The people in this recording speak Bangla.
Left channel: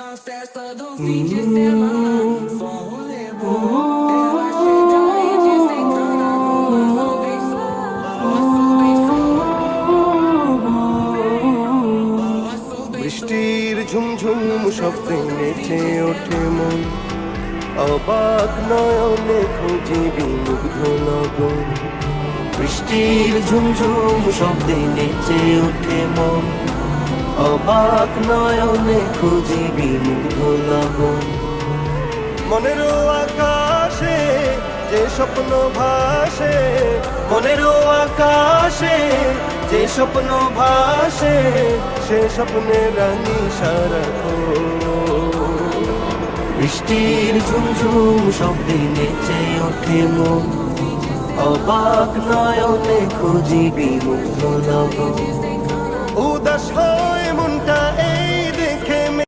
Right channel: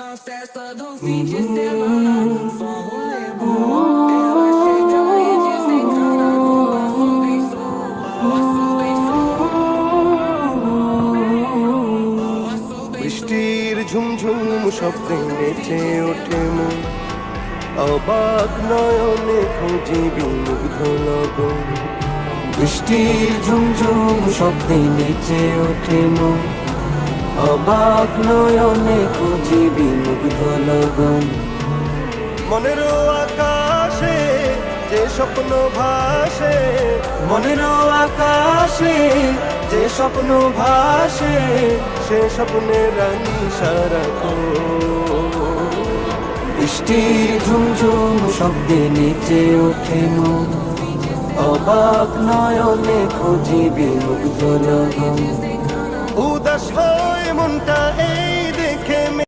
Na festa do fim de semana, só rolê bom. Ela chega e desencana com o som bem som, o som bem som. বৃষ্টির ঝুমঝুম শব্দে নেচে ওঠে মন, অবাক নয়নে খুঁজি বিমুগ্ধ লগন। বৃষ্টির ঝুমঝুম শব্দে নেচে ওঠে মন, অবাক নয়নে খুঁজি বিমুগ্ধ লগন। মনের আকাশে যে স্বপ্ন ভাসে, মনের আকাশে যে স্বপ্ন ভাসে, সে স্বপ্নে রানী সারাক্ষণ। বৃষ্টির ঝুমঝুম শব্দে নেচে ওঠে মন, অবাক নয়নে খুঁজি বিমুগ্ধ লগন। উদাস হয় মনটা